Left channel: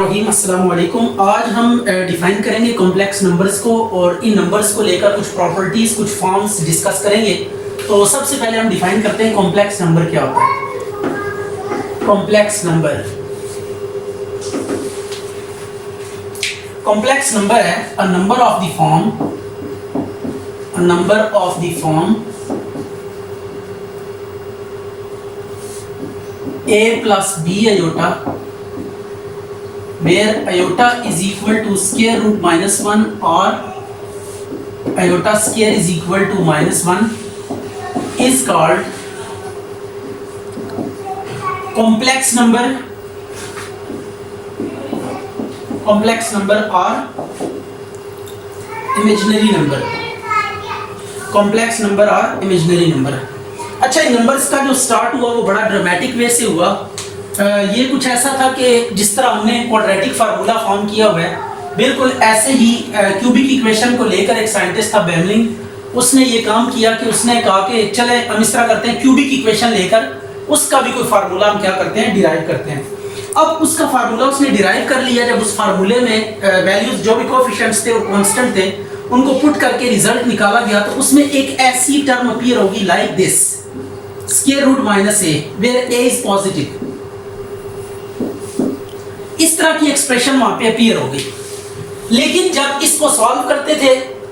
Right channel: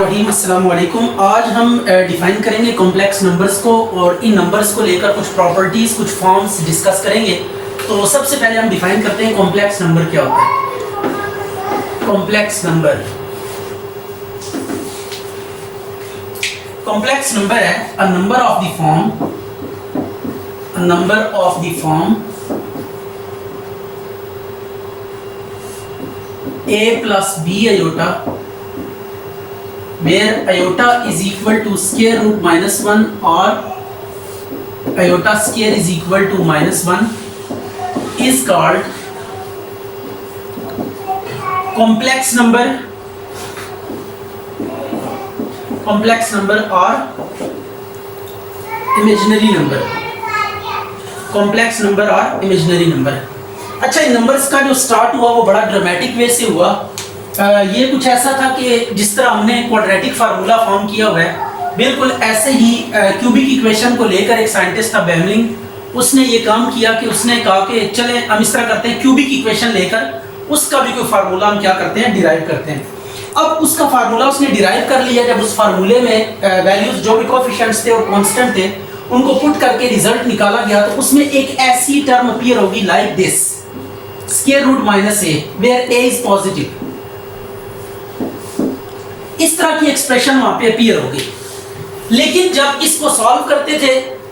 बिस्मिल्लाहिर्रहमानिर्रहीम, अस्सलाम वालेकुम। आज हम डिफाइन करेंगे कॉम्प्लेक्स नंबर्स को और इन नंबर्स को लेकर कुछ प्रॉपर्टीज, कुछ फॉर्म्स डिस्कस करेंगे। तो सबसे पहले हम डिफाइन करते हैं कॉम्प्लेक्स नंबर क्या होता है। कॉम्प्लेक्स नंबर है a number of the form a plus b iota where iota is equal to square root minus 1 or iota square is equal to minus 1 is called complex number or imaginary number। complex number or imaginary number। अच्छा, इन numbers का जो start हुआ वो बड़ा dramatic वे से हुआ। ये कुछ ऐसा था कि जिस तरह हमने क्वाड्रेटिक फार्मूला फॉर्म किया हुआ है, बिल्कुल ऐसे ही क्यूबिक इक्वेशन को लेकर एक साइंटिस्ट था बेमलिंग, उसने ये काम किया कि उसने कहा कि चले हम इस तरह करते हैं, क्यूबिक इक्वेशन लेकर उसका भी कोई फार्मूला हम क्या करते हैं, डिराइव करते हैं। अब उसका फार्मूला उसने डिराइव कर लिया। जब उस फार्मूले में वैल्यूज जो भी कोएफिशिएंट्स थे और कांस्टेंट थे उनको पुट करके रिजल्ट निकाला गया, तो उसमें एक ऐसी टर्म अपीयर होगी like this, square root minus a where a is positive। इस तरह की एक्सप्रेशन वहां पे अपीयर होगी। लेकिन जब इसको सॉल्व करते थे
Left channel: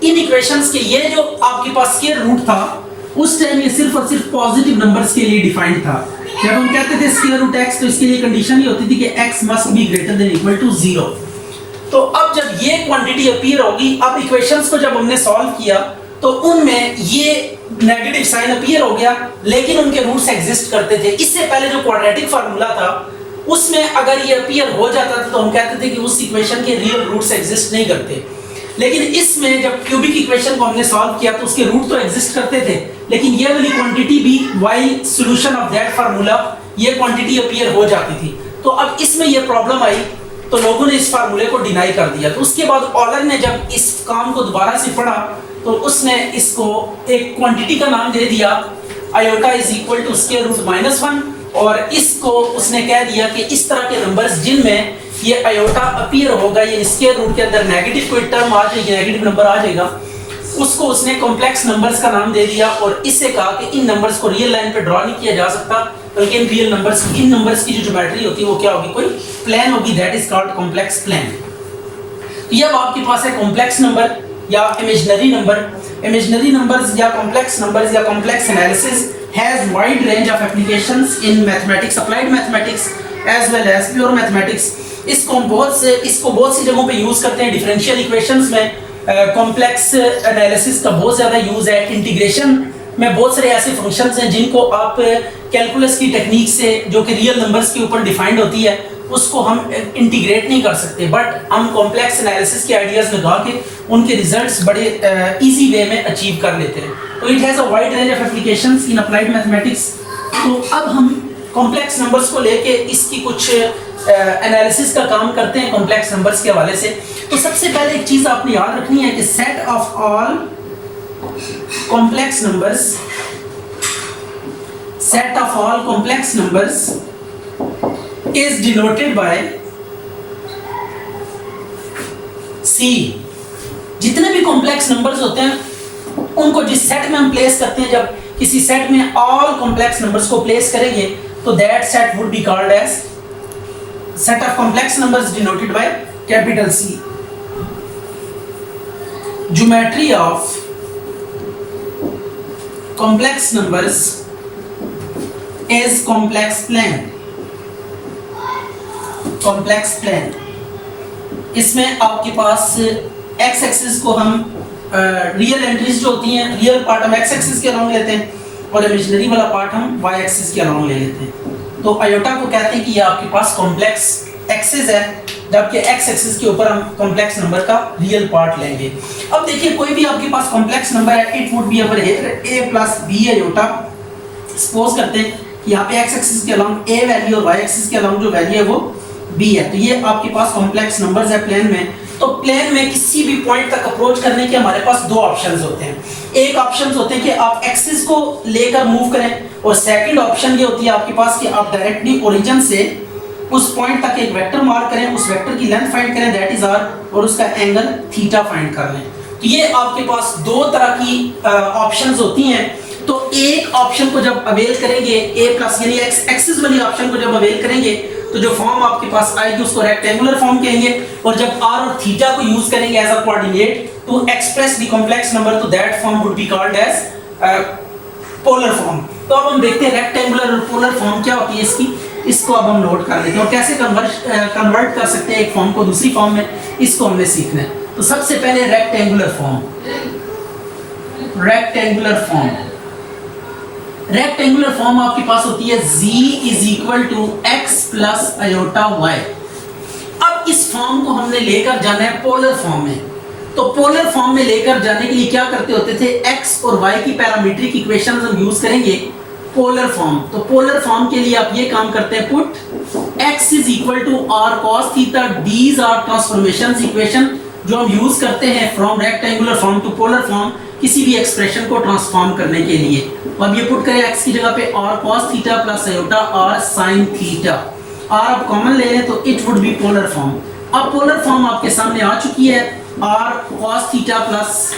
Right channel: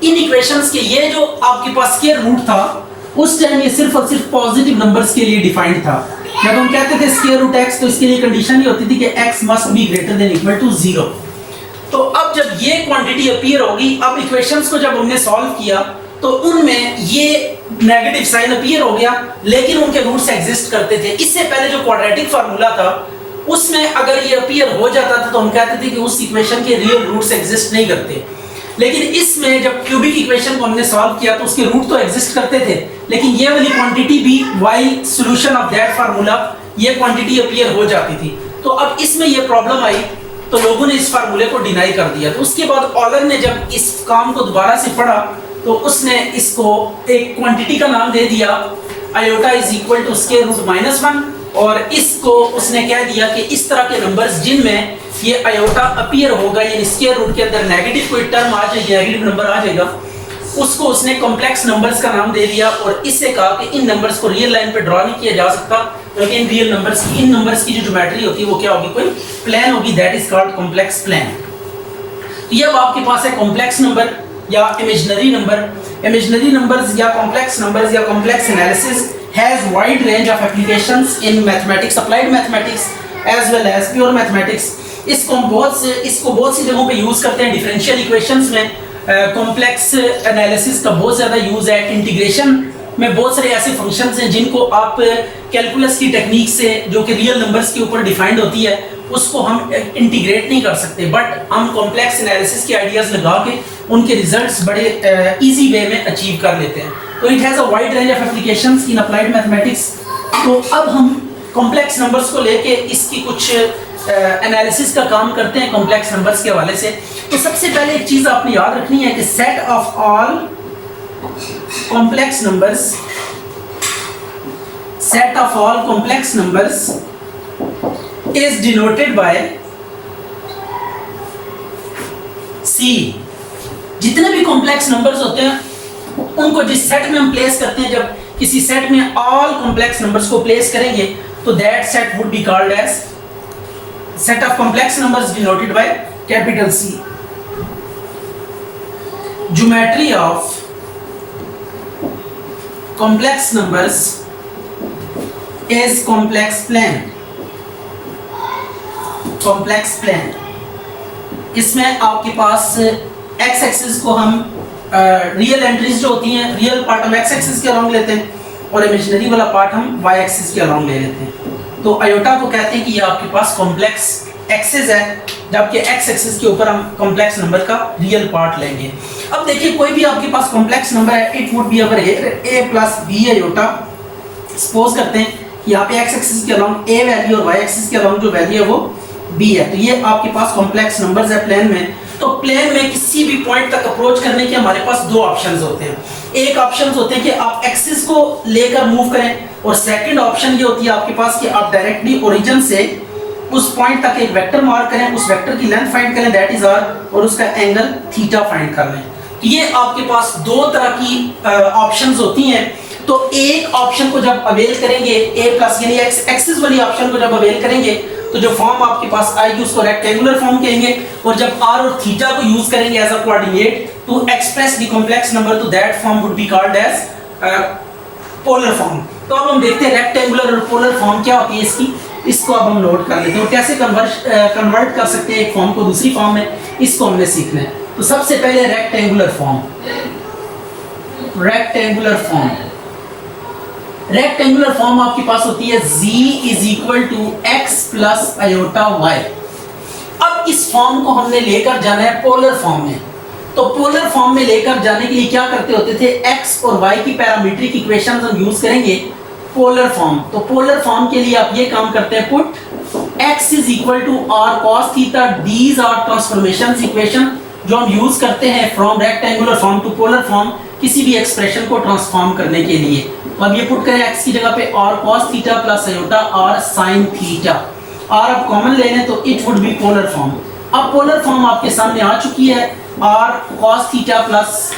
इन इक्वेशंस के, ये जो आपके पास स्क्वायर रूट था उस टाइम ये सिर्फ और सिर्फ पॉजिटिव नंबर्स के लिए डिफाइंड था। जब हम कहते थे स्क्वायर रूट x, तो इसके लिए कंडीशन ये होती थी कि x must be greater than equal to 0। तो अब जब ये क्वांटिटी अपीयर होगी, अब इक्वेशंस को जब हमने सॉल्व किया तो उनमें ये नेगेटिव साइन अपीयर हो गया, लेकिन उनके रूट्स एग्जिस्ट करते थे। इससे पहले जो क्वाड्रेटिक फार्मूला था उसमें अगर ये अपीयर हो जाता था तो हम कहते थे कि उस इक्वेशन के रियल रूट्स एग्जिस्ट नहीं करते। लेकिन इसमें जब क्यूबिक इक्वेशन को हमने सॉल्व किया तो उसके रूट तो एग्जिस्ट करते थे, लेकिन ये वाली क्वांटिटी भी while solution of that formula ये क्वांटिटी अपीयर हो जाती थी। तो अब इसमें ये प्रॉब्लम आई तो लोगों ने इस फार्मूले को डिनाई कर दिया। तो उसके बाद ऑलर ने जब इस काम को दोबारा से पढ़ा तो उसने इसको एक क्वांटिटी का नाम दे दिया, iota is equal to square root minus 1, और इसको उसने कह दिया कि इस तरह के नंबर्स जिनमें ये आयोटा अपीयर होगा, ये स्क्वायर रूट के अंदर नेगेटिव कोई टर्म आ जाएगी, नेगेटिव नंबर आ जाएगा, उसको उसने कॉम्प्लेक्स नंबर्स का नाम दे दिया। और इससे कहा कि इन नंबर्स को रियल लाइन पे ड्रॉ नहीं किया जा सकता, बल्कि इन नंबर्स की जो ज्योमेट्री होती है वो क्या होगी, कोई प्लेन होगी, that is called complex plane. ये अब आपके पास है कॉम्प्लेक्स नंबर या इमेजिनरी नंबर। इमेजिनरी नंबर्स या कॉम्प्लेक्स नंबर्स या complex analysis has wide range of applications in mathematics, applied mathematics as well as pure mathematics. इसको बहुत सी जगहों पे यूज करते हैं। डिफरेंशियल इक्वेशंस में कॉम्प्लेक्स एनालिसिस का बहुत ज़्यादा यूज है। इंटीग्रेशन में बहुत सारे ऐसे फंक्शंस हैं जिनको आप कैलकुलस की टेक्निक से, जो कि रियल नंबर्स के ऊपर डिफाइंड होती है, उसको हम इंटीग्रेट नहीं कर सकते, बट हम कॉम्प्लेक्स एनालिसिस के आइडियाज लगा के उनके रिजल्ट्स बड़े इजी वे में अचीव कर लेते हैं। तो it has a wide range of applications in applied mathematics. तो अब हम कॉम्प्लेक्स नंबर्स को लेके इसकी कुछ एनालिसिस का काम करते हैं कॉम्प्लेक्स नंबर्स के हवाले से। तो सबसे पहले एक चीज़ आपने याद रखनी है कि set of all complex numbers is denoted by C। जितने भी कॉम्प्लेक्स नंबर्स होते हैं उनको जिस सेट में हम प्लेस करते हैं, जब किसी सेट में ऑल कॉम्प्लेक्स नंबर्स को प्लेस करेंगे तो that set would be called as set of complex numbers denoted by capital C। Geometry of complex numbers is complex plane. Complex plane, इसमें आपके पास एक्स एक्सिस को हम रियल एंट्रीज जो होती हैं, रियल पार्ट हम एक्स एक्सिस के along लेते हैं और इमेजिनरी वाला पार्ट हम वाई एक्सिस के अलोंग ले लेते हैं। तो आयोटा को कहते हैं कि ये आपके पास कॉम्प्लेक्स एक्सिस है, जबकि एक्स एक्सिस के ऊपर हम कॉम्प्लेक्स नंबर का रियल पार्ट लेंगे। अब देखिए, कोई भी आपके पास कॉम्प्लेक्स नंबर है, it would be or a plus b iota. Suppose करते हैं कि यहाँ पे एक्स एक्सिस के अलोंग ए वैल्यू और वाई एक्सिस के अलोंग जो वैल्यू है वो बी है। तो ये आपके पास कॉम्प्लेक्स नंबर्स है प्लेन में। तो प्लेन में किसी भी पॉइंट तक अप्रोच करने के हमारे पास दो ऑप्शंस होते हैं। एक ऑप्शन होते हैं कि आप एक्सिस को लेकर मूव करें, और सेकंड ऑप्शन ये होती है आपके पास कि आप डायरेक्टली ओरिजिन से उस पॉइंट तक एक वेक्टर मार्क करें, उस वेक्टर की लेंथ फाइंड करें, दैट इज आर, और उसका एंगल थीटा फाइंड कर लें। तो ये आपके पास दो तरह की ऑप्शंस होती हैं। तो एक ऑप्शन को जब अवेल करेंगे, a प्लस यानी एक्स एक्सिस वाली ऑप्शन को जब अवेल करेंगे तो जो फॉर्म आपके पास आएगी उसको रेक्टेंगुलर फॉर्म कहेंगे, और जब r और थीटा को यूज करेंगे as a coordinate to express the complex number, तो that form would be called as polar form. तो अब हम देखते हैं रेक्टेंगुलर और पोलर फॉर्म क्या होती है इसकी, इसको अब हम नोट कर लेते हैं और कैसे कन्वर्ट कर सकते हैं एक फॉर्म को दूसरी फॉर्म में, इसको हमने सीखना है। तो सबसे पहले रेक्टेंगुलर फॉर्म। रेक्टेंगुलर फॉर्म आपके पास होती है z is equal to x plus iota y। अब इस फॉर्म को हमने लेकर जाना है पोलर फॉर्म में। तो पोलर फॉर्म में लेकर जाने के लिए क्या करते होते थे, x और y की पैरामीट्रिक इक्वेशंस हम यूज करेंगे पोलर फॉर्म। तो पोलर फॉर्म के लिए आप ये काम करते हैं, put x is equal to r cos theta, these are transformations equation जो हम यूज करते हैं from rectangular form to polar form किसी भी एक्सप्रेशन को ट्रांसफॉर्म करने के लिए। तो अब ये पुट करें x की जगह पे r cos theta plus iota r sin theta, r अब कॉमन ले लें तो it would B polar form. अब पोलर फॉर्म आपके सामने आ चुकी है, r cos theta plus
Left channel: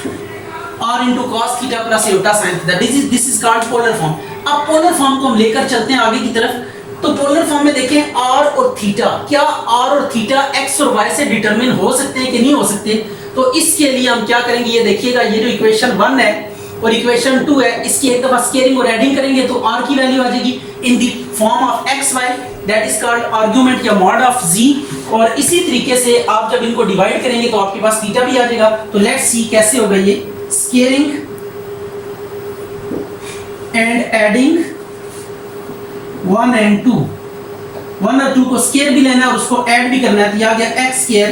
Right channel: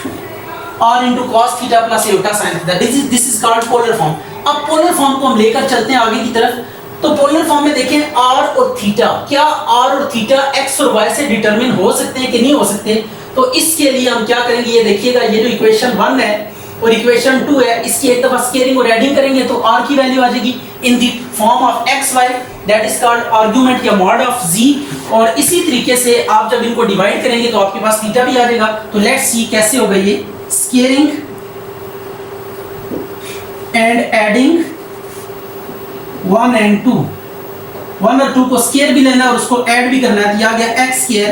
r into cos theta plus iota sin theta, this is called polar form. अब पोलर फॉर्म को हम लेकर चलते हैं आगे की तरफ। तो पोलर फॉर्म में देखें r और थीटा, क्या r और थीटा x और y से डिटरमिन हो सकते हैं कि नहीं हो सकते। तो इसके लिए हम क्या करेंगे, ये देखिएगा, ये जो इक्वेशन 1 है और इक्वेशन 2 है, इसकी एक दफा स्केलिंग और एडिंग करेंगे तो r की वैल्यू आ जाएगी in the form of xy, that is called argument या मॉड ऑफ z। और इसी तरीके से आप जब इनको डिवाइड करेंगे तो आपके पास थीटा भी आ जाएगा। तो लेट्स सी कैसे होगा ये, स्केलिंग एंड एडिंग 1 and 2, 1 और 2 को स्केयर भी लेना है और उसको ऐड भी करना है। तो आ गया x square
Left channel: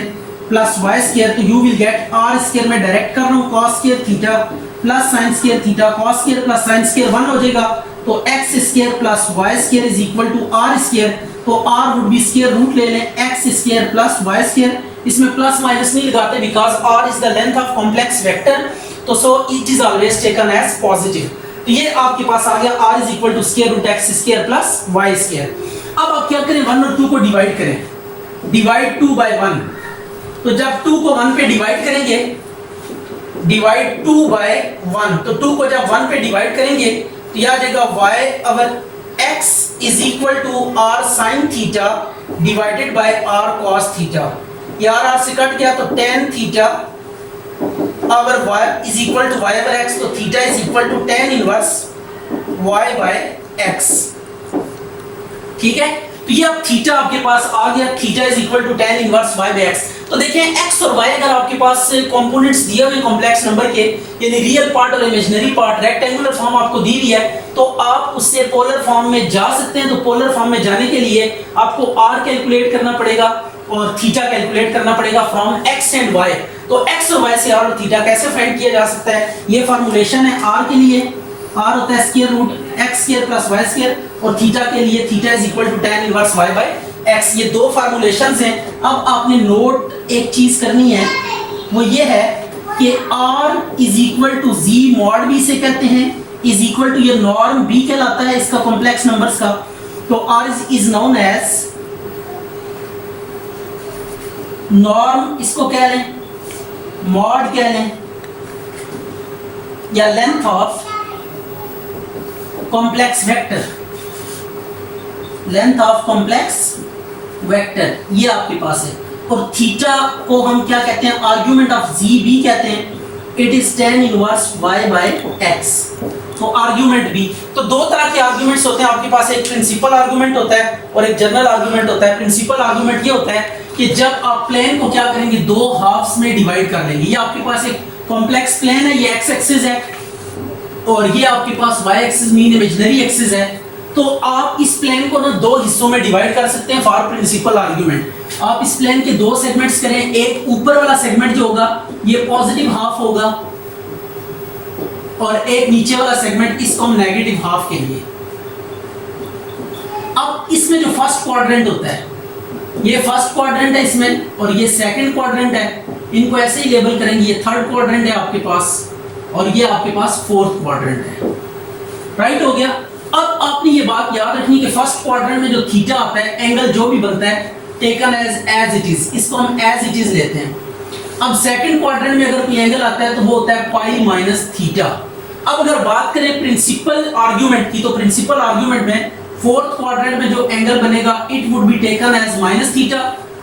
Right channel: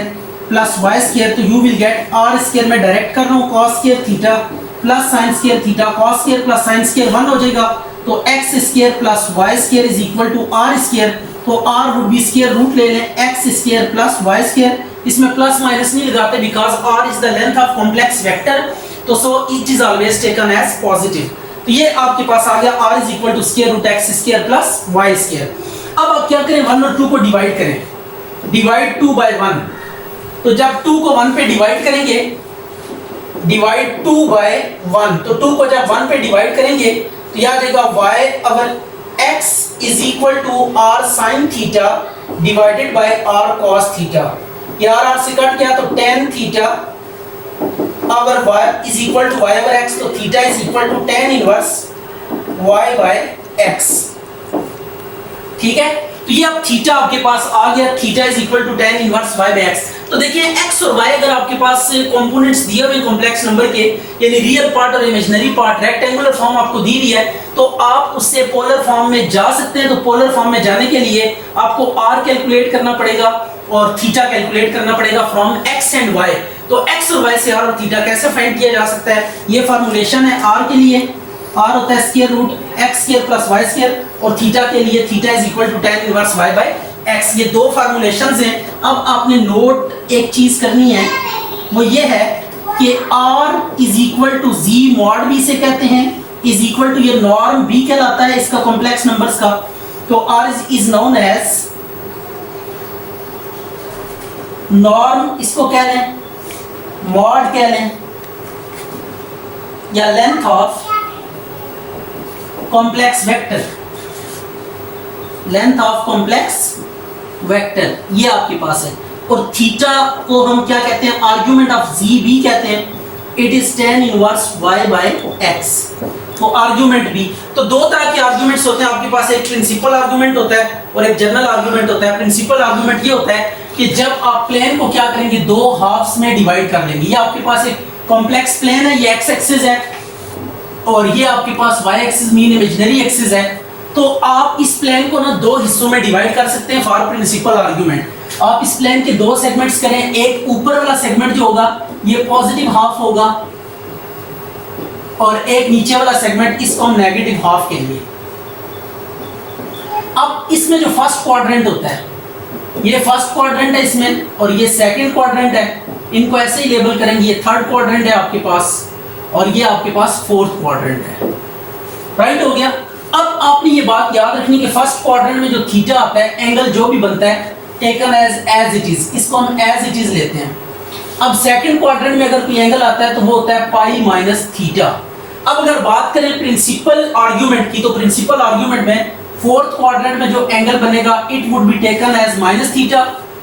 plus y square, तो you will get r square में डायरेक्ट कर रहा हूँ cos square theta plus sin square theta, cos square plus sin square 1 हो जाएगा। तो x square plus y square is equal to r square, तो r would be square root ले लें x square plus y square, इसमें plus minus नहीं लगाते because r is the length of complex vector, तो so it is always taken as positive. तो ये आपके पास आ गया r is equal to square root x square plus y square. अब आप क्या करें, 1 और 2 को डिवाइड करें, डिवाइड 2 बाय 1। तो जब 2 को 1 पे डिवाइड करेंगे, डिवाइड 2 बाय 1, तो 2 को जब 1 पे डिवाइड करेंगे तो यह आ जाएगा y over x is equal to r sin theta divided by r cos theta. यार r से कट गया तो tan theta over y is equal to y over x, तो theta is equal to tan inverse y by x। ठीक है, तो ये अब थीटा आपके पास आ गया, theta is equal to tan inverse y by x। तो देखिए x और y अगर आपके पास कंपोनेंट्स दिए हुए कॉम्प्लेक्स नंबर के, यानी रियल पार्ट और इमेजिनरी पार्ट, रेक्टेंगुलर फॉर्म आपको दी हुई है, तो आप उससे पोलर फॉर्म में जा सकते हैं। तो पोलर फॉर्म में जाने के लिए आपको r कैलकुलेट करना पड़ेगा और थीटा कैलकुलेट करना पड़ेगा फ्रॉम x एंड y। तो x और y से r और थीटा कैसे फाइंड किया जा सकता है, ये फार्मूलेशन है r के लिए, r होता है square root x square plus y square, और थीटा के लिए theta is equal to tan inverse y by x। ये दो फार्मूलेशंस हैं। अब आपने नोट एक चीज करनी है, वो ये है कि r is equal to z mod b से कहते हैं, इज इक्वल टू ये नॉर्म b कहलाता है इसका कॉम्प्लेक्स नंबर्स का। तो r is known as norm, इसको कह लें मॉड कह लें, या length of complex vector, length of complex vector, ये आपके पास है। और थीटा को हम क्या कहते हैं, आर्गुमेंट ऑफ जी बी कहते हैं, it is tan inverse y by x। तो आर्गुमेंट भी, तो दो तरह के आर्गुमेंट्स होते हैं आपके पास, एक प्रिंसिपल आर्गुमेंट होता है और एक जनरल आर्गुमेंट होता है। प्रिंसिपल आर्गुमेंट ये होता है कि जब आप प्लेन को क्या करेंगे, दो हाफ्स में डिवाइड कर लेंगे। ये आपके पास एक कॉम्प्लेक्स प्लेन है, ये x एक्सिस है और ये आपके पास y axis mean imaginary axis है। तो आप इस प्लेन को ना दो हिस्सों में डिवाइड कर सकते हैं फॉर प्रिंसिपल आर्गुमेंट। आप इस प्लेन के दो सेगमेंट्स करें, एक ऊपर वाला सेगमेंट जो होगा ये पॉजिटिव हाफ होगा और एक नीचे वाला सेगमेंट, इसको हम नेगेटिव हाफ कहेंगे। अब इसमें जो फर्स्ट क्वाड्रेंट होता है, ये फर्स्ट क्वाड्रेंट है इसमें और ये सेकंड क्वाड्रेंट है, इनको ऐसे ही लेबल करेंगे। ये थर्ड क्वाड्रेंट है आपके पास और ये आपके पास फोर्थ क्वाड्रेंट है। राइट हो गया। अब आपने ये बात याद रखनी कि फर्स्ट क्वाड्रेंट में जो थीटा आता है, एंगल जो भी बनता है, टेकन एज इट इज, इसको हम एज इट इज लेते हैं। अब सेकंड क्वाड्रेंट में अगर कोई एंगल आता है तो वो होता है पाई माइनस थीटा। अब अगर बात करें प्रिंसिपल आर्गुमेंट की, तो प्रिंसिपल आर्गुमेंट में फोर्थ क्वाड्रेंट में जो एंगल बनेगा it would be taken as minus theta,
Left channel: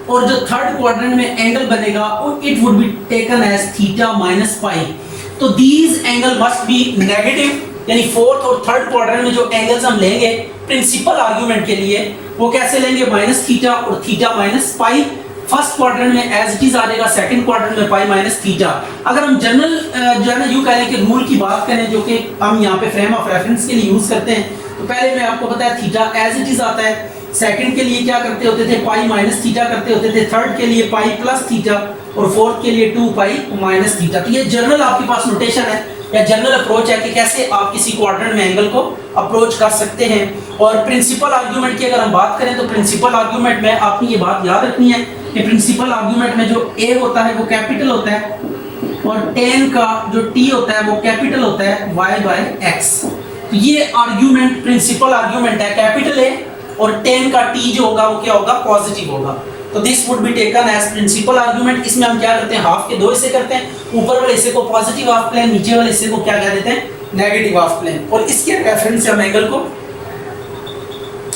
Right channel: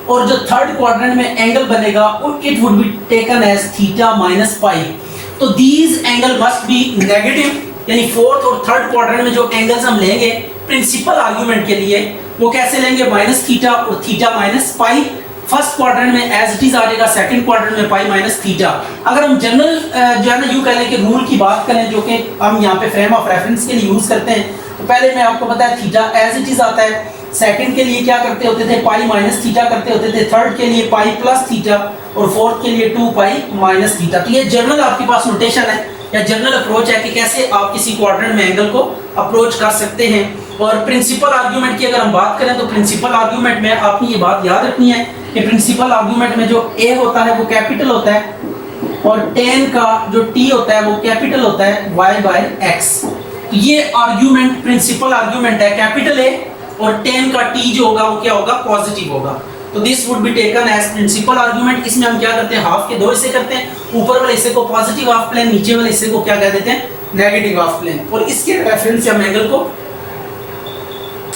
और जो थर्ड क्वाड्रेंट में एंगल बनेगा it would be taken as theta minus pi. तो these angle must be negative, यानी फोर्थ और थर्ड क्वाड्रेंट में जो एंगल्स हम लेंगे प्रिंसिपल आर्गुमेंट के लिए वो कैसे लेंगे, माइनस थीटा और थीटा माइनस पाई। फर्स्ट क्वाड्रेंट में एज इट इज आ जाएगा, सेकंड क्वाड्रेंट में पाई माइनस थीटा। अगर हम जनरल जो है ना यूं कह लें कि रूल की बात करें जो कि हम यहाँ पे फ्रेम ऑफ रेफरेंस के लिए यूज करते हैं, तो पहले मैं आपको बताया थीटा एज इट इज आता है, सेकंड के लिए क्या करते होते थे, पाई माइनस थीटा करते होते थे, थर्ड के लिए पाई प्लस थीटा और फोर्थ के लिए 2 पाई माइनस थीटा। तो ये जनरल आपके पास नोटेशन है या जनरल अप्रोच है कि कैसे आप किसी क्वाड्रेंट में एंगल को अप्रोच कर सकते हैं। और प्रिंसिपल आर्गुमेंट की अगर हम बात करें तो प्रिंसिपल आर्गुमेंट में आपने ये बात याद रखनी है कि प्रिंसिपल आर्गुमेंट में जो ए होता है वो कैपिटल होता है और टेन का जो टी होता है वो कैपिटल होता है y बाय x। तो ये आर्गुमेंट प्रिंसिपल आर्गुमेंट है, कैपिटल ए और टेन का टी जो होगा वो क्या होगा, पॉजिटिव होगा। तो this would be taken as principal argument. इसमें हम क्या करते हैं, हाफ के दो हिस्से करते हैं, ऊपर वाले हिस्से को पॉजिटिव हाफ प्लेन, नीचे वाले हिस्से को क्या कह देते हैं, नेगेटिव हाफ प्लेन, और इसके रेफरेंस से हम एंगल को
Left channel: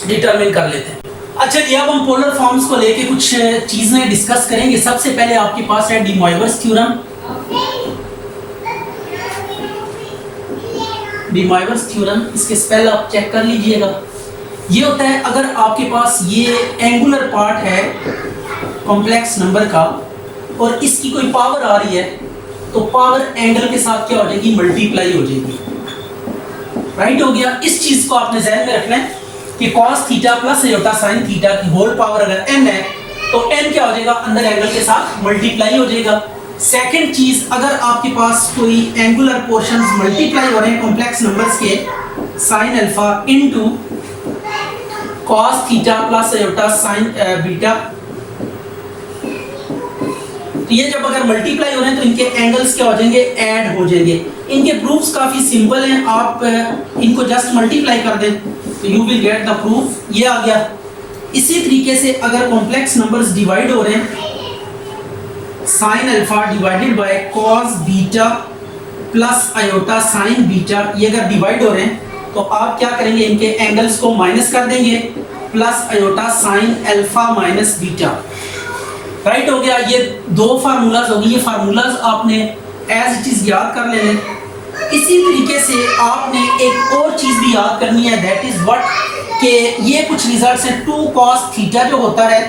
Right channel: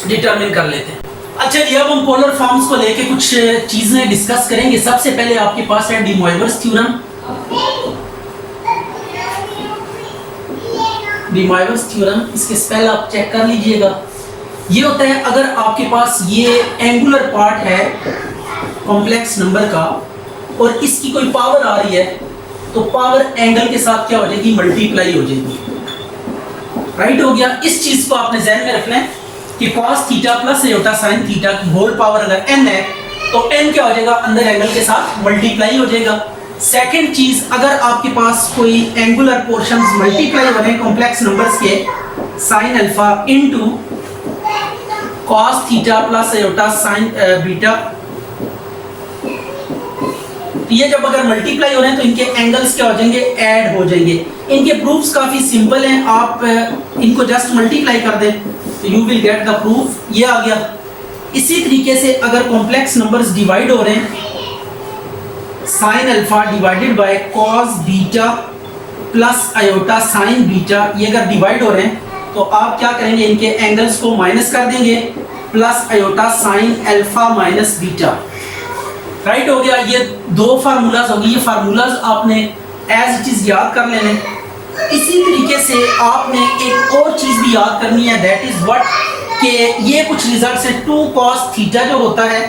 डिटरमिन कर लेते हैं। अच्छा जी, अब हम पोलर फॉर्म्स को लेके कुछ चीजें डिस्कस करेंगे। सबसे पहले आपके पास है D Moivre's theorem. D Moivre's theorem, इसके स्पेल आप चेक कर लीजिएगा। ये होता है अगर आपके पास ये एंगुलर पार्ट है कॉम्प्लेक्स नंबर का और इसकी कोई पावर आ रही है तो पावर एंगल के साथ क्या हो जाएगी, मल्टीप्लाई हो जाएगी। राइट हो गया। इस चीज को आपने ध्यान में रखना है कि cos theta plus iota sin theta की होल पावर अगर n है तो n क्या हो जाएगा, अंदर एंगल के साथ मल्टीप्लाई हो जाएगा। सेकंड चीज, अगर आपके पास कोई एंगुलर पोर्शंस मल्टीप्लाई हो रहे हैं कॉम्प्लेक्स नंबर्स के, sin alpha into cos theta plus iota sin beta, ये जब अगर मल्टीप्लाई हो रहे हैं तो इनके एंगल्स क्या हो जाएंगे, ऐड हो जाएंगे। इनके प्रूफ्स काफी सिंपल हैं, आप इनको जस्ट मल्टीप्लाई कर दें तो you will get the proof, ये आ गया। इसी तरीके से अगर कॉम्प्लेक्स नंबर्स डिवाइड हो रहे हैं, sin alpha divided by cos beta plus iota sin beta, ये अगर डिवाइड हो रहे हैं तो आप क्या करेंगे, इनके एंगल्स को माइनस कर देंगे, plus iota sin alpha minus beta. Right हो गया। ये दो फार्मूलाज होगी, ये फार्मूलाज आपने एज इट इज याद कर लेने। इसी तरीके से आपने एक और चीज भी याद करनी है, दैट इज व्हाट, कि ये कुछ रिजल्ट है 2 cos थीटा जो होता है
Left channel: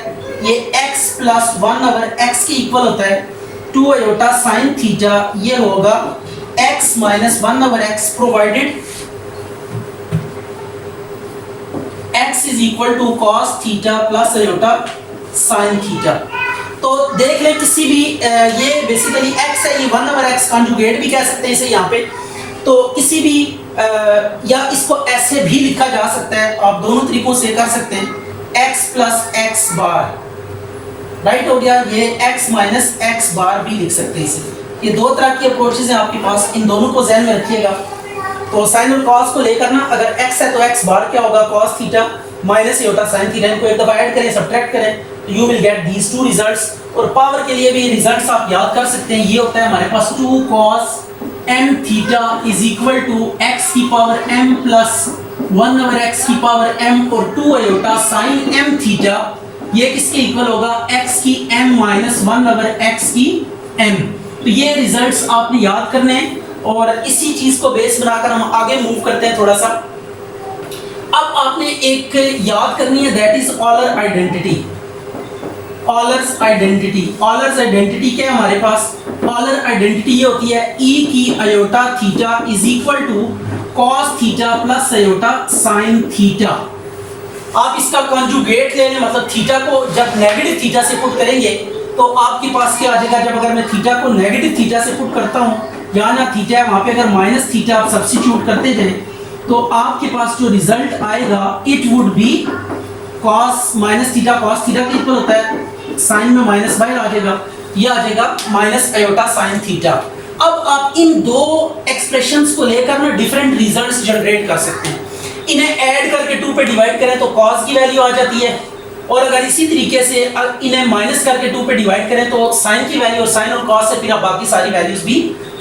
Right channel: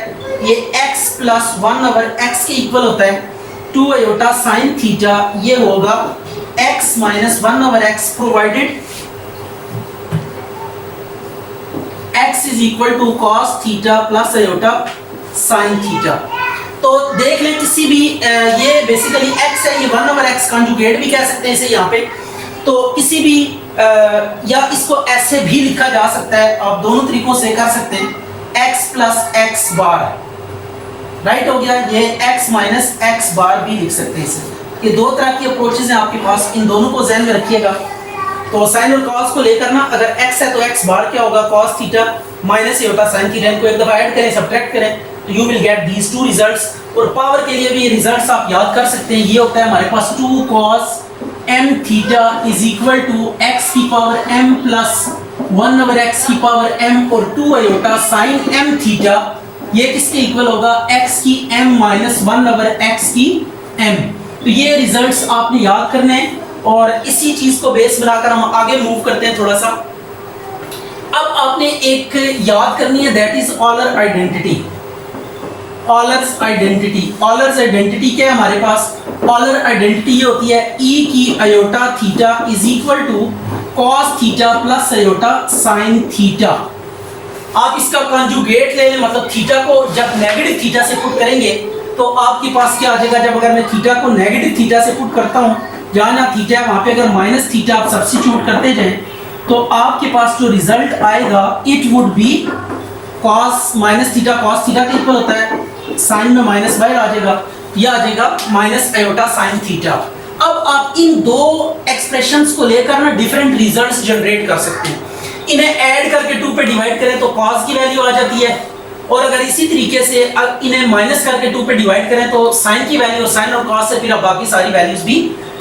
ये x प्लस 1/x के इक्वल होता है, 2 आयोटा sin थीटा ये होगा x minus 1/x provided x is equal to cos theta plus iota sin theta. तो देख लें किसी भी ये बेसिकली x है, ये 1/x कंजुगेट भी कह सकते हैं इसे यहाँ पे। तो किसी भी या इसको ऐसे भी लिखा जा सकता है, आप दोनों तरीकों से कर सकते हैं, x प्लस एक्स बार। राइट हो गया। ये x माइनस एक्स बार भी लिख सकते हैं इसे। ये दो तरह की अप्रोचेज हैं आपके पास, इन दोनों को ध्यान में रखिएगा। तो साइन और कॉस को लेकर ना, अगर x है तो x बार क्या होगा, cos theta minus iota sin theta, इनको एक दफा ऐड करें, सब्ट्रैक्ट करें, you will get these two results. और पावर के लिए भी ये रिजल्ट्स आप याद कर सकते हैं। ये होता है हमारे पास 2 cos m theta is equal to x की पावर m प्लस 1/x की पावर m और 2 आयोटा sin m थीटा, ये किसके इक्वल होगा, x की m माइनस 1/x की m। तो ये रिजल्ट्स आपने याद करने हैं और इसी चीज को बेस बनाकर हम आगे मूव करते हैं थोड़ा सा। अब आपने एक याद करनी है, that is Euler identity. Euler's identity, Euler's identity क्या है हमारे पास, ऑलर आइडेंटिटी ये होती है e की iota theta is equal to cos theta plus iota sin theta. आप इसका कॉन्जुगेट ले लें, मतलब थीटा को जब नेगेटिव थीटा से पुट करेंगे तो आपके पास क्या आ जाएगा, जब अगर मैं थीटा को नेगेटिव थीटा से पुट करता हूँ, जहाँ जहाँ थीटा है वहाँ पे अगर माइनस थीटा आप सब्स्टिट्यूट करते जाएं तो आपके पास जो रिजल्ट आएगा it would B cos minus theta, cos theta के इक्वल होता है, साइन में माइनस बाहर आ जाएगा, यह आ जाएगा माइनस आयोटा sin थीटा। अब आप इन दो एक्सप्रेशंस को लेकर ना डिफरेंट रिजल्ट्स जनरेट कर सकते हैं। इन्हें ऐड करके 2 पे डिवाइड करें तो cos की वैल्यू आ जाती है, और अगर इसी तरीके से इन्हें माइनस करके 2 पे डिवाइड करें तो sin की वैल्यू, और sin और cos से फिर आप बाकी सारी वैल्यूज भी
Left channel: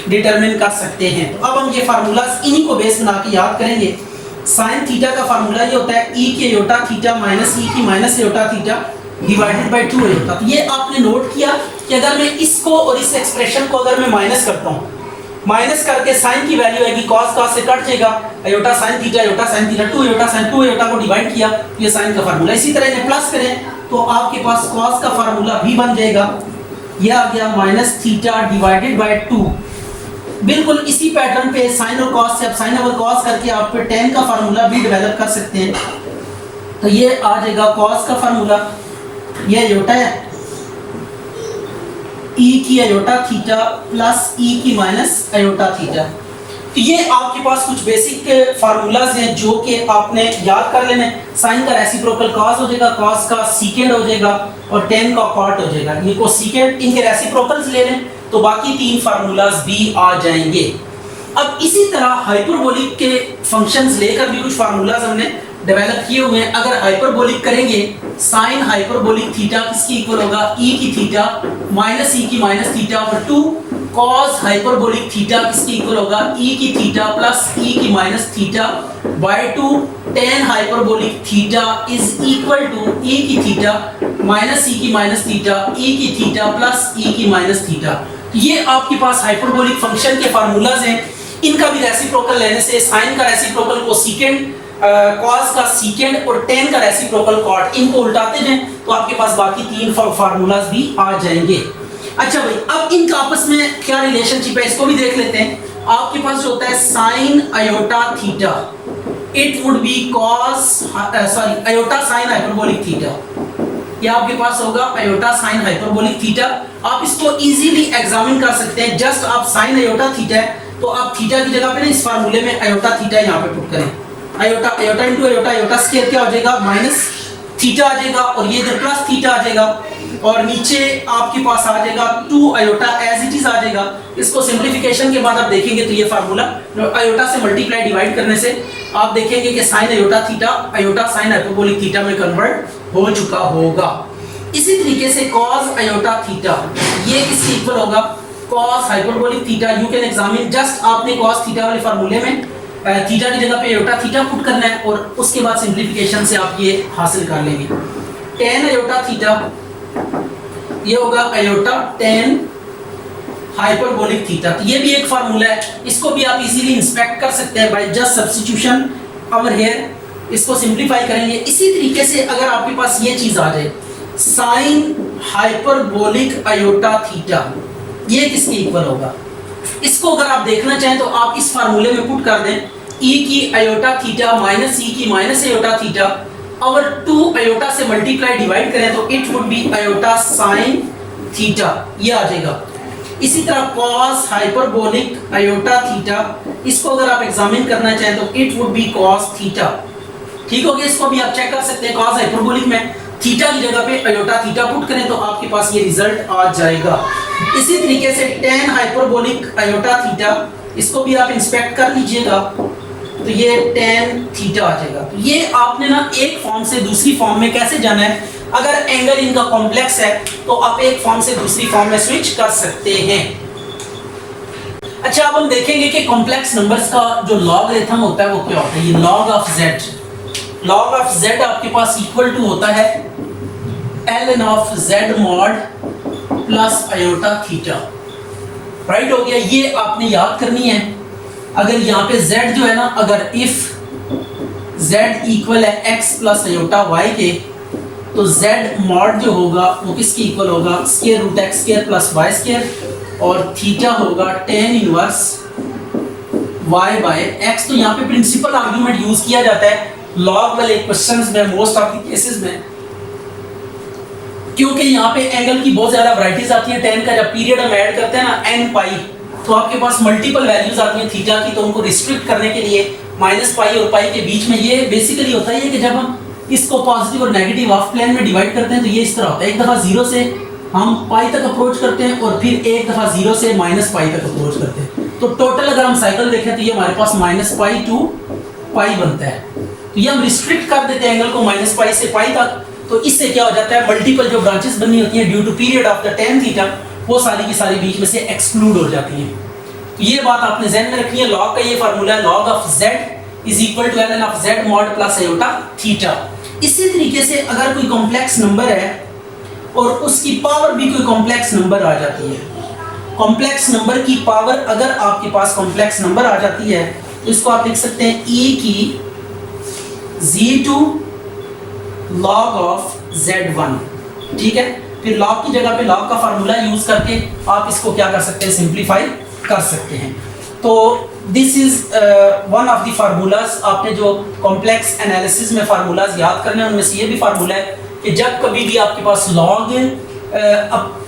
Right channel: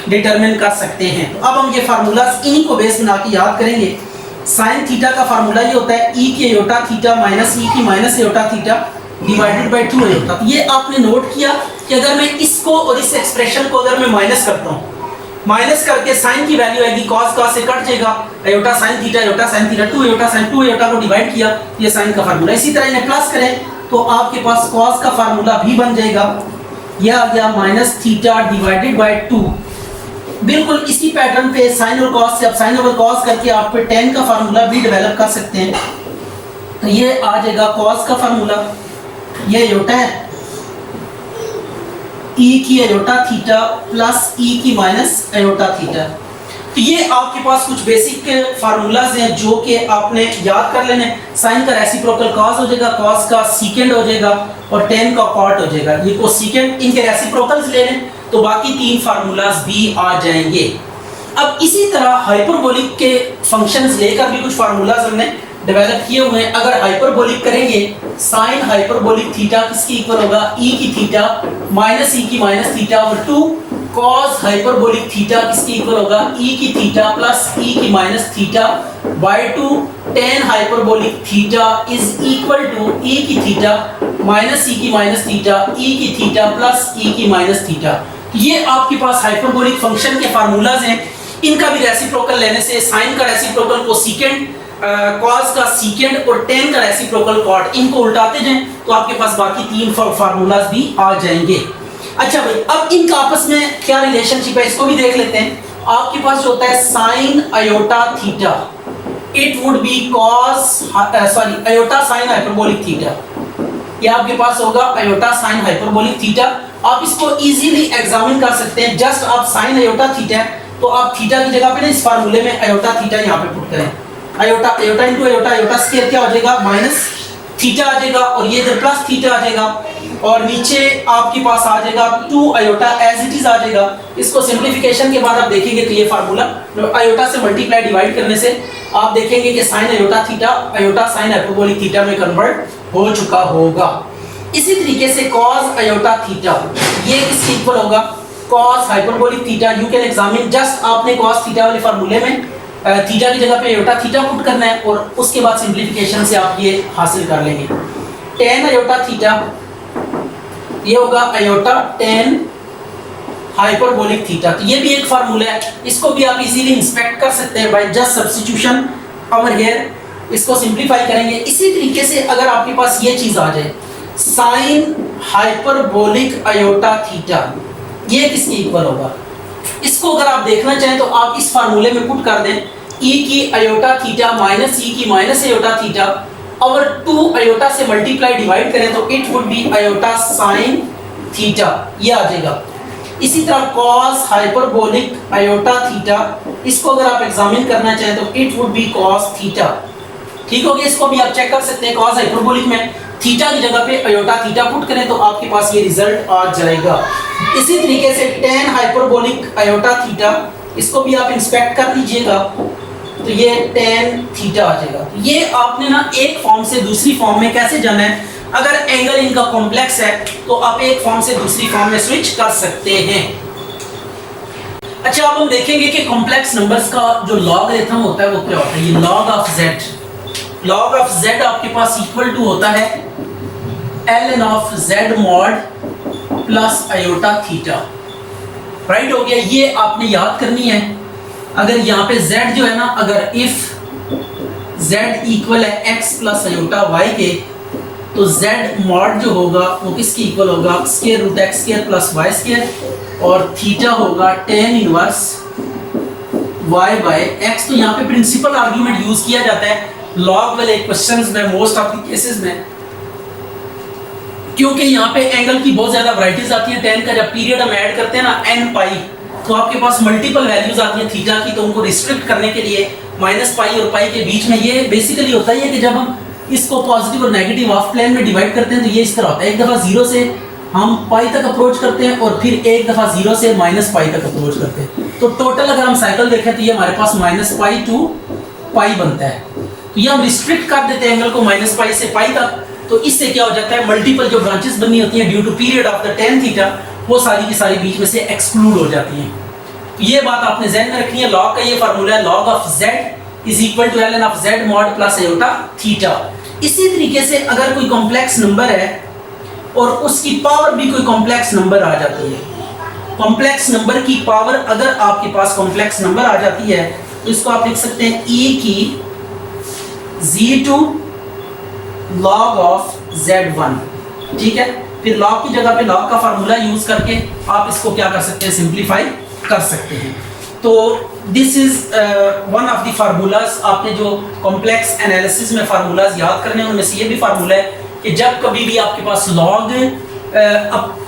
डिटरमिन कर सकते हैं। तो अब हम ये फार्मूलाज इन्हीं को बेस बना के याद करेंगे। sin थीटा का फार्मूला ये होता है e की आयोटा थीटा माइनस e की minus iota theta divided bye 2 iota. तो ये आपने नोट किया कि अगर मैं इसको और इस एक्सप्रेशन को अगर मैं माइनस करता हूँ, माइनस करके sin की वैल्यू आएगी cos cos से कट जाएगा, iota sin theta 2 iota sin 2 iota को डिवाइड किया, ये sin का फार्मूला। इसी तरह इन्हें प्लस करें तो आपके पास cos का फार्मूला भी बन जाएगा, यह आ गया माइनस थीटा डिवाइडेड बाय 2। बिल्कुल इसी पैटर्न पे sin और cos से अब sin ओवर cos करके आप पे tan का फार्मूला भी डेवलप कर सकते हैं। तो ये आ जाएगा cos का फार्मूला, ये आयोटा है e की आयोटा थीटा प्लस e की माइनस आयोटा थीटा। तो ये आपके पास कुछ बेसिक फार्मूलाज हैं जो कि आपने याद कर लेने। साइन का रेसिप्रोकल cos हो जाएगा, cos का सीकेंड हो जाएगा और tan का कॉट हो जाएगा। ये को सीकेंड इनके रेसिप्रोकल्स ले लें तो बाकी 3 फार्मूलाज भी आ जाएंगे। अब इसी तरह हाइपरबोलिक के फंक्शंस लेकर भी कुछ फार्मूलाज हमने डेवलप किए हुए हैं। अगर हाइपरबोलिक करेंगे, साइन हाइपरबोलिक थीटा किसके इक्वल होगा, e की थीटा माइनस e की minus theta over 2। cos hyperbolic theta किसके इक्वल होगा, e की थीटा प्लस e की minus theta by 2। tan hyperbolic theta is equal to e की थीटा माइनस e की माइनस थीटा e की theta plus e की minus theta. ये आपके पास हाइपरबोलिक फंक्शन के फार्मूलाज हैं। इनका भी रेसिप्रोकल लेने से साइन का रेसिप्रोकल को सीकेंड, cos का सीकेंड और tan का रेसिप्रोकल कॉट, इनको उल्टाते जाएं तो आपके पास बाकी 3 फार्मूलाज भी आ जाएंगे। अच्छा भाई, अब इनका आपस में क्या रिलेशनशिप है इसको भी देख लेते हैं। आपके पास जो होता है sine iota theta, it would be iota sine hyperbolic theta. ये आपके पास होगा आयोटा साइन हाइपरबोलिक थीटा। आप इसको इजीली एग्जामिन कर सकते हैं। जस्ट आप साइन आयोटा थीटा है तो आप थीटा की जगह पे ना इस फार्मूले में आयोटा थीटा यहाँ पे पुट करें। Iota iota into iota, iota square क्या हो जाएगा, माइनस थीटा आ जाएगा और ये इधर प्लस थीटा आ जाएगा और नीचे आपके पास आ जाएगा 2 आयोटा एज इट इज आ जाएगा। इसको सिंप्लीफिकेशन के बाद आप देखेंगे तो ये फार्मूला आयोटा से मल्टीप्लाई डिवाइड करने से आप देखेंगे कि sine iota theta iota sine hyperbolic theta में कन्वर्ट हो चुका होगा। इसी तरीके से cos आयोटा थीटा ये किसके इक्वल होगा, cos hyperbolic theta. You can examine, just आपने cos थीटा वाले फार्मूले में थीटा की जगह पे आयोटा थीटा पुट करना है और उसके बाद सिंप्लीफिकेशन से आप ये हासिल कर लेंगे। tan आयोटा थीटा ये होगा आयोटा tan हाइपरबोलिक थीटा। तो ये भी एक फार्मूला है, इसको भी आप इजीली इंस्पेक्ट कर सकते हैं by just substitution over here. इसको सिंपलीफाई करेंगे। इसी तरीके से अगर आपके पास ये चीज आ जाए साइन हाइपरबोलिक आयोटा थीटा, ये किसके इक्वल होगा, इसको अगर आप देखना चाहें तो आप इस फार्मूले में पुट कर दें e की आयोटा थीटा माइनस e की माइनस आयोटा थीटा और 2 आयोटा से मल्टीप्लाई डिवाइड करें तो it would be iota sine theta, ये आ जाएगा। इसी तरह cos हाइपरबोलिक आयोटा थीटा, इसको अगर आप एग्जामिन करना चाहें तो it would B cos theta. ठीक हो गया, इसको भी आप चेक कर सकते हैं। cos हाइपरबोलिक में थीटा की जगह पे आयोटा थीटा पुट करें तो आपके पास ये रिजल्ट आ जाएगा। इसी तरीके से tan हाइपरबोलिक आयोटा थीटा, इसको भी आप इंस्पेक्ट कर लीजिएगा तो ये tan थीटा आ जाएगा। ये आपने ना एक फॉर्म से दूसरी फॉर्म में कैसे जाना है, अगर एंगल इनका कॉम्प्लेक्स है तो आप एक फॉर्म से दूसरी फॉर्म में स्विच कर सकते हैं। अच्छा, अब हम देखेंगे कि कॉम्प्लेक्स नंबर्स का जो लॉगरिथम होता है वो क्या होता है। ये log ऑफ z आपके पास इक्वल टू होता है ln of z mod plus iota theta. Right हो गया, ये आपने याद करनी है। अगर यहाँ पे z जो है ना, अगर इफ z इक्वल है x प्लस आयोटा y के तो z mod जो होगा वो किसके इक्वल होगा, square root x square plus y square और थीटा होगा tan inverse y by x। तो यहाँ पे प्रिंसिपल आर्ग्यूमेंट यूज किया जाता है लॉग वाले क्वेश्चंस में, मोस्ट ऑफ द केसेस में, क्योंकि यहाँ पे एंगल की बहुत ज्यादा वैरायटीज आती हैं। tan का जब पीरियड हम ऐड करते हैं ना n पाई, तो आपके पास मल्टीपल वैल्यूज आती हैं थीटा की, तो उनको रिस्ट्रिक्ट करने के लिए माइनस पाई और पाई के बीच में ये बेसिकली होता है कि जब हम इसको पॉजिटिव और नेगेटिव हाफ प्लेन में डिवाइड करते हैं तो ये इस तरह होता है। एक दफा 0 से हम पाई तक अप्रोच करते हैं और फिर एक दफा 0 से माइनस पाई तक अप्रोच करते हैं। तो टोटल अगर हम साइकिल देखें तो ये हमारे पास माइनस पाई टू पाई बनता है। तो ये हम रिस्ट्रिक्ट कर देते हैं एंगल को माइनस पाई से पाई तक, तो इससे क्या हो जाता है मल्टीपल जो ब्रांचेस बनी होती हैं due to period of the tan theta वो सारी की सारी बीच में से एक्सक्लूड हो जाती हैं। तो ये बात आपने ध्यान में रखनी है। लॉग का ये फार्मूला है log of z is equal to ln of z mod plus iota theta. इसी तरीके से अगर कोई कॉम्प्लेक्स नंबर है और उसकी पावर भी कोई कॉम्प्लेक्स नंबर आ जाती है, कॉम्प्लेक्स नंबर की पावर अगर आपके पास कॉम्प्लेक्स नंबर आ जाती है तो इसको आप लिख सकते हैं e की z2 log of z1, ठीक है। फिर log की जगह पे log का फार्मूला यूज करके आप इसको क्या कर सकते हैं, सिंप्लीफाई कर सकते हैं। तो this is one of the formulas. आपने जो कॉम्प्लेक्स एनालिसिस में फार्मूलाज याद करने हैं उनमें से ये भी फार्मूला है कि जब कभी भी आपके पास log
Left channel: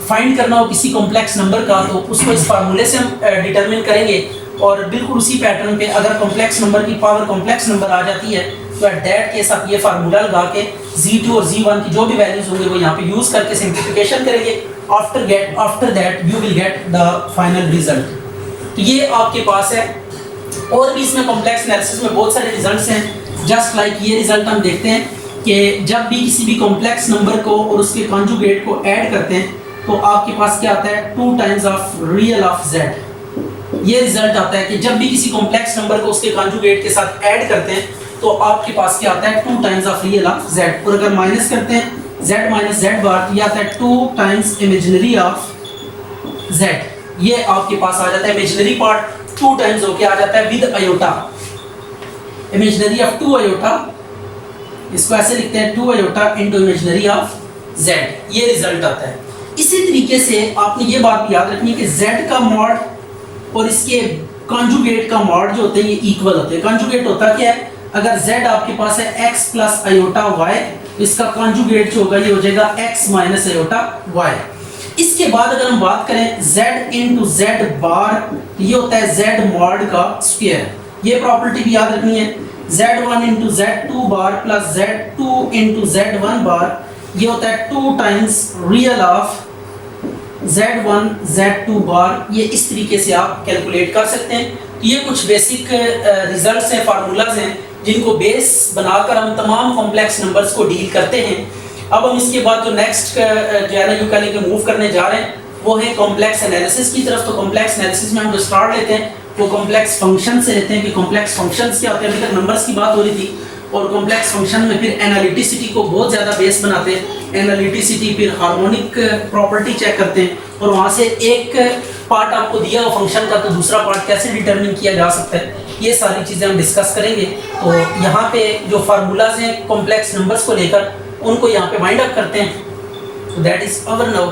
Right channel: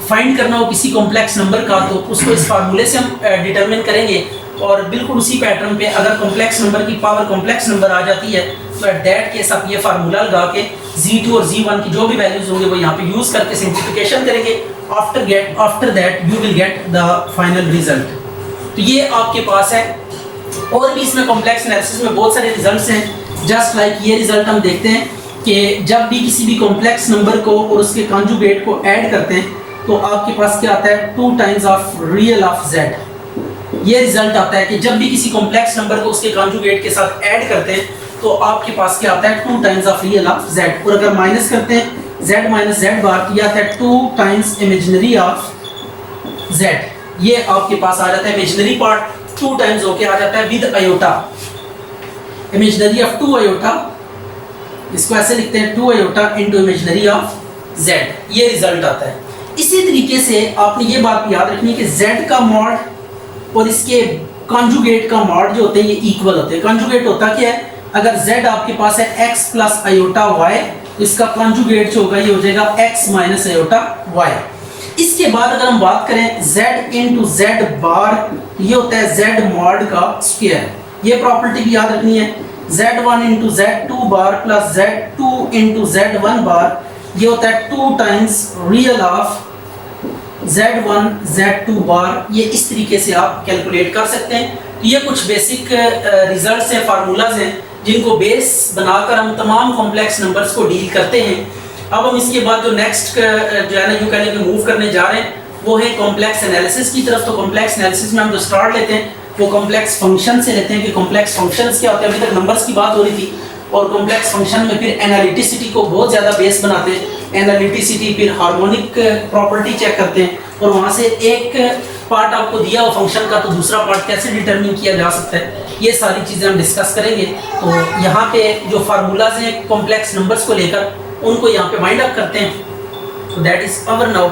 फाइंड करना हो किसी कॉम्प्लेक्स नंबर का तो उसको इस फार्मूले से हम डिटरमिन करेंगे। और बिल्कुल उसी पैटर्न पे अगर कॉम्प्लेक्स नंबर की पावर कॉम्प्लेक्स नंबर आ जाती है तो एट दैट केस आप ये फार्मूला लगा के z2 और z1 की जो भी वैल्यूज होंगे वो यहाँ पे यूज करके सिंप्लीफिकेशन करेंगे। After that you will get the final result. तो ये आपके पास है। और भी इसमें कॉम्प्लेक्स एनालिसिस में बहुत सारे रिजल्ट्स हैं। जस्ट लाइक ये रिजल्ट हम देखते हैं कि जब भी किसी भी कॉम्प्लेक्स नंबर को और उसके कॉन्जुगेट को ऐड करते हैं तो आपके पास क्या आता है, 2 times of real of z। ये रिजल्ट आता है कि जब भी किसी कॉम्प्लेक्स नंबर को उसके कॉन्जुगेट के साथ ऐड करते हैं तो आपके पास क्या आता है, 2 times of real of z। और अगर माइनस करते हैं z माइनस z बार तो ये आता है 2 टाइम्स इमेजिनरी ऑफ z। ये आपके पास आ जाता है इमेजिनरी पार्ट 2 टाइम्स होके आ जाता है with iota, imaginary of 2 iota. इसको ऐसे लिखते हैं 2 iota into imaginary of z। ये रिजल्ट आता है। इसी तरीके से आपने ये बात याद रखनी है कि z का मॉड और इसके कॉन्जुगेट का मॉड जो होते हैं ये इक्वल होते हैं। कॉन्जुगेट होता क्या है, अगर z आपके पास है x प्लस आयोटा y तो इसका कॉन्जुगेट जो होगा ये हो जाएगा x माइनस आयोटा y। इसके बाद अगर हम बात करें z इंटू z बार, ये होता है z मॉड का स्क्वायर। ये प्रॉपर्टी भी याद रखनी है। z1 इंटू z2 बार प्लस z2 इंटू z1 बार, ये होता है 2 times real of z1 z2 बार। ये इस तरीके से आप कैलकुलेट कर सकते हैं। तो ये कुछ बेसिक रिजल्ट्स हैं, फार्मूलाज हैं जिनको बेस बनाकर हम तमाम कॉम्प्लेक्स नंबर्स को डील करते हैं। अब हम इसके बाद जो नेक्स्ट जो है ना, यूँ कह लें कि मूव करने जा रहे हैं वो है कॉम्प्लेक्स एनालिसिस की तरफ। तो कॉम्प्लेक्स एनालिसिस में हम जो स्टार्ट लेते हैं वो कॉम्प्लेक्स फंक्शन से लेते हैं कि कॉम्प्लेक्स फंक्शंस क्या होते हैं। अभी तक नंबर्स की बात हो रही थी और कॉम्प्लेक्स फंक्शन में फिर एनालिटिसिटी को बहुत ज़्यादा बेस बनाते हैं। एनालिटिसिटी फिर हार्मोनिक प्रॉपर्टी चेक करते हैं और वहाँ से एक पार्ट आपको दिया हो फंक्शन का तो दूसरा पार्ट कैसे डिटरमिन किया जा सकता है, ये सारी चीज़ें हम डिस्कस करेंगे। तो यहाँ पे जो फार्मूलाज हैं कॉम्प्लेक्स नंबर्स को लेकर उनको यहाँ पे वाइंड अप करते हैं। तो दैट इज़ अवर नाउ